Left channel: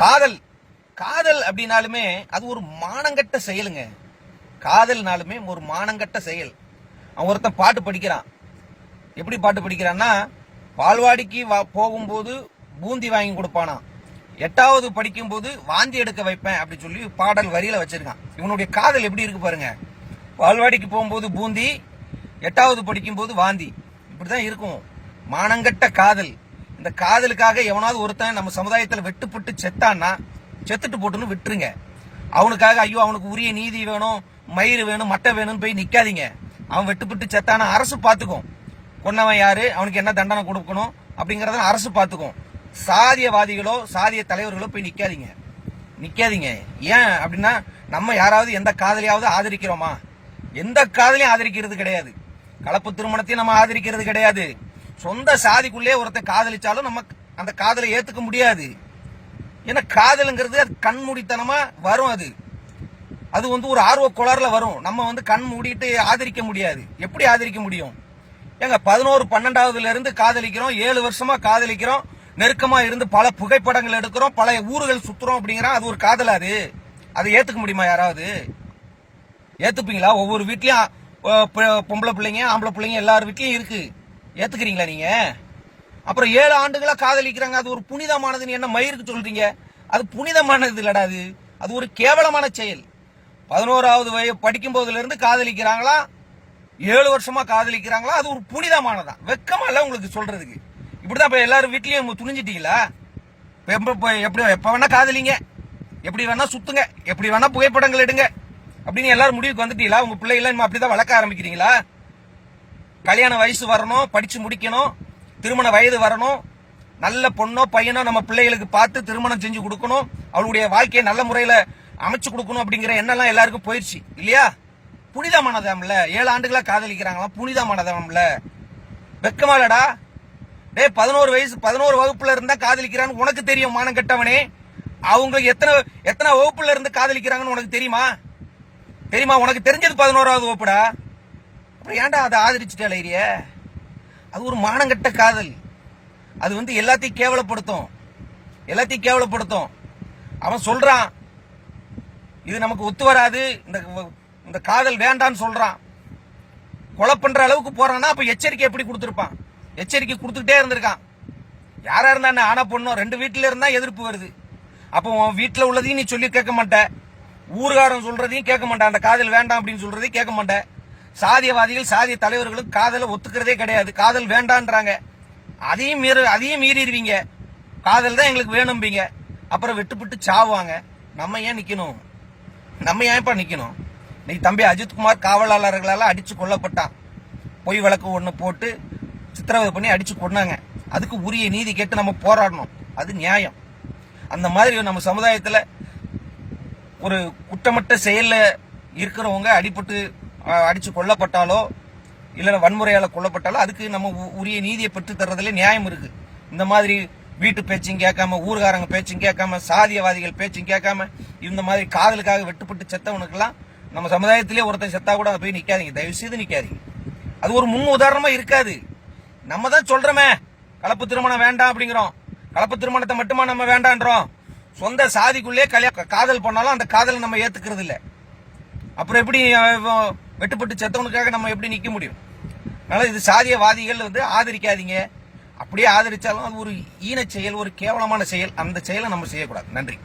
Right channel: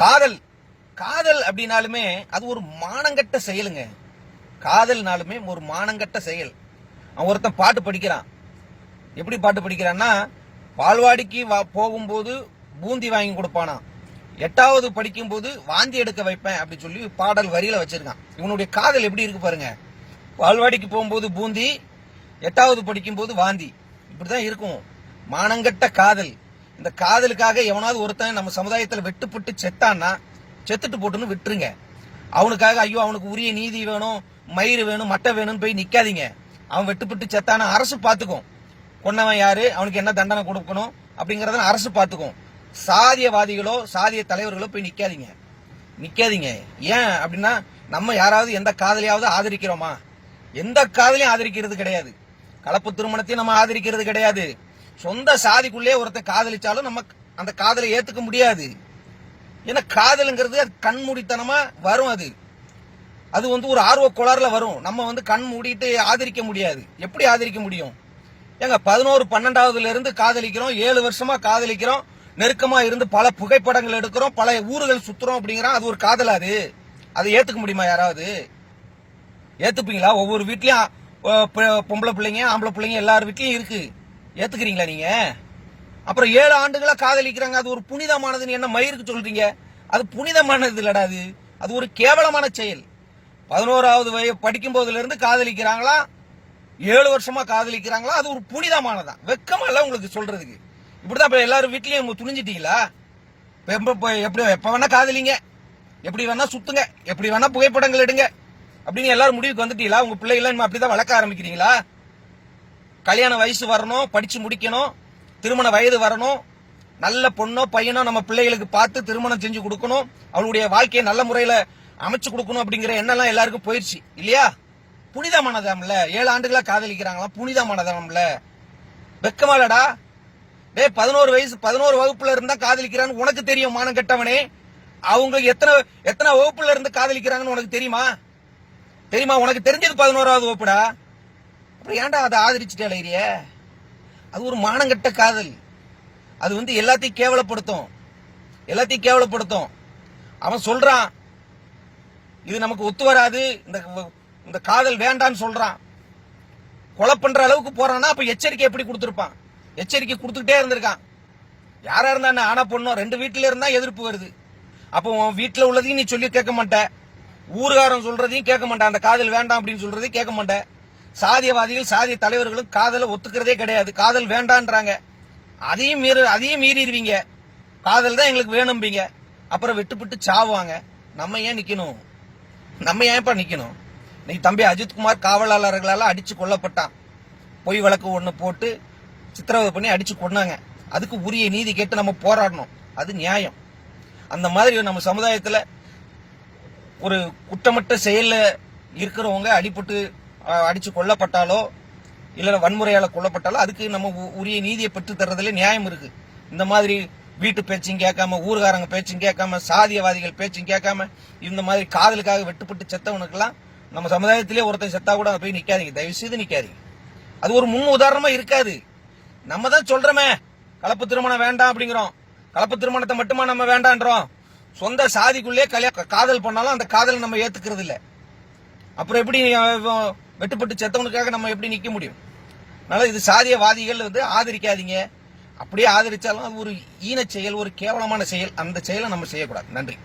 காதல். காதல் அப்படின்னாலுமே அது ஒரு மானங்கட்ட செயலுங்க. காதல்னாலுமே ஒரு மானங்கட்ட செயல். அவன் ஒருத்தன் பாட்டு படிக்கிறான். எப்படி பாட்டு படிக்கிறான்னா பால்வாடிக்கு வா- போகும்போது பூந்தி வாங்கி கொடுப்பானா. எட்டாவது படிக்கும்போது வாந்தி எடுக்க வைப்பேன் அப்படி சொல்லி பாடல் வரியில வச்சிருக்கான். இவனுடைய காதல் எப்படி இருக்கு பாருங்க. பால்வாடிக்கு போகும்போது பூந்தி எட்டாவது படிக்கும்போது வாந்தி. இப்படிதான் இருக்கும். மானங்கட்ட காதல். இந்த காதலுக்காக எவனாவது ஒருத்தன் நம்ம சமுதாயத்தில் வெட்டுப்பட்டு செத்தான்னா செத்துட்டு போட்டுன்னு விட்டுருங்க. அவனுக்காக ஐயோ அவனுக்கு உரிய நீதி வேணும் மயிறு வேணும் மட்டை வேணும்னு போய் நிற்காதீங்க அவன் வெட்டுப்பட்டு செத்தானா அரசு பார்த்துக்கும் கொன்னவன் யாரு அவனுக்கு என்ன தண்டனை கொடுக்கணும் அப்படிங்கிறத அரசு பார்த்துக்கும் சாதியவாதிகளோ சாதிய தலைவர்களோ போய் நிற்காதீங்க நிற்காதீங்க ஏன் அப்படின்னா நம்ம யாராவது எந்த காதலியாவது ஆதரிக்கிறோமா? எந்த காதலையும் ஆதரிக்கிறது கிடையாது. கலப்பு திருமணத்தையும் நம்ம ஆதரிக்கிறது கிடையாது. சொந்த சாதிக்குள்ளே ஒருத்தன் காதலிச்சாலும் நம்ம அந்த காதலை ஏத்துக்க முடியாது. ஏன்னா காதலுங்கிறது அது கண்மூடித்தனமா வரும் அது. அது வந்து ஒரு ஆர்வ குளர்ல வரும். நம்ம வந்து கண் மூடிட்டு ஆதரிக்க முடியாது. எப்படி ஆதரிக்க முடியும்? ஏங்க பதினோரு பன்னெண்டாவதுல இருந்து காதலிக்கிறோம் ஏழு வருஷமா காதலிக்கிறோம் நெருக்கமா இருந்து பல புகைப்படங்கள் எடுக்கிறோம் பல ஊர்கள் சுத்துறோம் அப்படிங்கிற அது ஒரு காதல் அது? அதை ஏத்துக்க முடியுமா யாராவது? ஏத்துப்பீங்களா? ஒவ்வொரு வீட்லயும் பொம்பளை பிள்ளைங்க ஆம்பளை பிள்ளைங்க எல்லார் வீட்லயும் இருக்கு. ஏத்துக்கிறீங்களா நீங்க? அப்புறம் ஏழு ஆண்டுகளா காதலிக்கிறாங்க. அது ஒரு புனிதமானதுன்னு என்ன மயிருக்கு சொல்றீங்க? அது புனிதமானது இல்லடா அது. அது ஒரு கேவலமான செயல். பதினோராவது வய படிக்கும் போதுல இருந்து காதலிக்கிறாங்களா? ஏழு வருஷமா காதலிக்கிறாங்களா? அது ஒரு புனிதமானதான் வெக்கமா இல்ல உங்களுக்கு சொல்றதுக்கு. இப்படிதான் இப்ப எல்லாரும் வீட்லயும் துணிஞ்சிட்டீங்களா? எப்ப- எப்படி எப்ப வேணா காதலிங்க. எப்படி வேணா சுத்துங்க. எப்படி வேணா புகைப்படங்கள் எடுங்க. அப்படின்னு எல்லாரும் முடிவுக்கு வந்துட்டீங்களா? உங்க பிள்ளைகளை இனிமே அப்படிதான் வளர்க்க ஆரம்பிக்கிறீங்களா? கல்யாண வயசு வரணும் படிச்சு முடிக்கணும் திருமண வயது வரணும். நல்ல பொண்ணோ பையனோ நம்ம பிள்ளைகளுக்கு பார்த்து திருமணம் செஞ்சு கொடுக்கணும். அவளுடைய வாழ்க்கையை நல்ல முறையில் அமைச்சு கொடுக்கணும் அப்படிங்கிற எண்ணெல்லாம் எல்லாருக்கும் போயிடுச்சு இல்லையா? புனிதமானதாம்ல. ஏழு ஆண்டுகளாக காதலிக்கிறாங்களாம். புனிதமானதாம்ல. வெக்கமாலடா. டே பதினோரு வயசு பதினோரு வகுப்புல இருந்தா காதலிக்கிறான்னு உனக்கு தெரியும் மானம் கெட்டவனே. அவங்க எத்தனை எத்தனை வகுப்புல இருந்து காதலிக்கிறாங்கன்னு உனக்கு தெரியுமா? தெரியுமா? உனக்கு தெரிஞ்சது பதினோராவது வகுப்புடா. அப்புறம் ஏன்டா அதை ஆதரிச்சுட்டு அலையிறிய அது ஒரு மானங்கட்ட காதல். அது வந்து எல்லாத்தையும் கேவலப்படுத்தும். எல்லாத்தையும் கேவலப்படுத்தும். அவன் சொல்றான் இது நமக்கு ஒத்து வராது இந்த இந்த காதல் வேண்டான்னு சொல்றான். கொலை பண்ற அளவுக்கு போறான்னா அப்ப எச்சரிக்கை எப்படி கொடுத்துருப்பான்? எச்சரிக்கை கொடுத்துக்கிட்டே இருந்திருக்கான். யாரா இருந்தா என்ன ஆனா பொண்ணும் ரெண்டு வீட்டுல இருந்தா எதிர்ப்பு வருது. அப்போ உன் வீட்டுல உள்ளதையும் நீ சொல்லி கேட்க மாட்ட. ஊர்காரம் சொல்றதையும் கேட்க மாட்டேன் அந்த காதல் வேண்டாம் அப்படின்னு சொல்றதையும் கேட்க மாட்டேன் சாதியவாதிகள் சாதிய தலைவர்களும் காதலை ஒத்துக்கிறதே கிடையாது. காதல் வேண்டான்றாங்க. அதையும் மீறி அதையும் மீறிடுவீங்க. காதல் தான் எங்களுக்கு வேணும்பீங்க. அப்புறம் விட்டுப்பிட்டு சாவுவாங்க. நம்ம ஏன் நிற்கணும் நம்ம ஏன்ப்பா நிற்கணும் நீ தம்பி அஜித்குமார் காவலாளர்களால் அடித்து கொல்லப்பட்டான். பொய் வழக்கு ஒன்று போட்டு சித்திரவதை பண்ணி அடித்து கொன்னாங்க. அதுக்கு உரிய நீதி கேட்டு நம்ம போராடணும். அது நியாயம். அந்த மாதிரி நம்ம சமுதாயத்தில் ஒரு குற்றமற்ற செயலில் இருக்கிறவங்க அடிபட்டு அடித்து கொல்லப்பட்டாலோ இல்ல வன்முறையால் கொல்லப்பட்டாலோ அதுக்கு நம்ம உ- உரிய நீதியை பெற்று தர்றதுல நியாயம் இருக்கு. இந்த மாதிரி வீட்டு பேச்சும் கேட்காம ஊர்காரங்க பேச்சும் கேட்காம சாதியவாதிகள் பேச்சும் கேட்காம இந்த மாதிரி காதலுக்காக வெட்டுப்பட்டு செத்தவனுக்கெல்லாம் நம்ம சமுதாயத்திலே ஒருத்தன் செத்தா கூட அதை போய் நிக்காதீங்க. தயவு செய்து நிக்காதீங்க. அது ஒரு முன் உதாரணமா இருக்காது. நம்ம தான் சொல்றோமே கலப்பு திருமணம் வேண்டாம் அப்படிங்கிறோம். கலப்பு திருமணத்தை மட்டுமா நம்ம வேண்டான்றோம். சொந்த சாதிக்குள்ளே கல்யா காதல் பண்ணாலும் அந்த காதலை நம்ம ஏத்துக்கிறது இல்லை அப்புறம் எப்படி வெட்டுப்பட்டு செத்தவனுக்காக நம்ம எப்படி நிற்க முடியும்? அதனால இது சாதியவாதிகள் வந்து ஆதரிக்காதீங்க. அப்படியே ஆதரிச்சாலும் அது ஒரு ஈன செயல் ஒரு கேவலமான செயல். அந்த செயலை நம்ம செய்யக்கூடாது. நன்றி.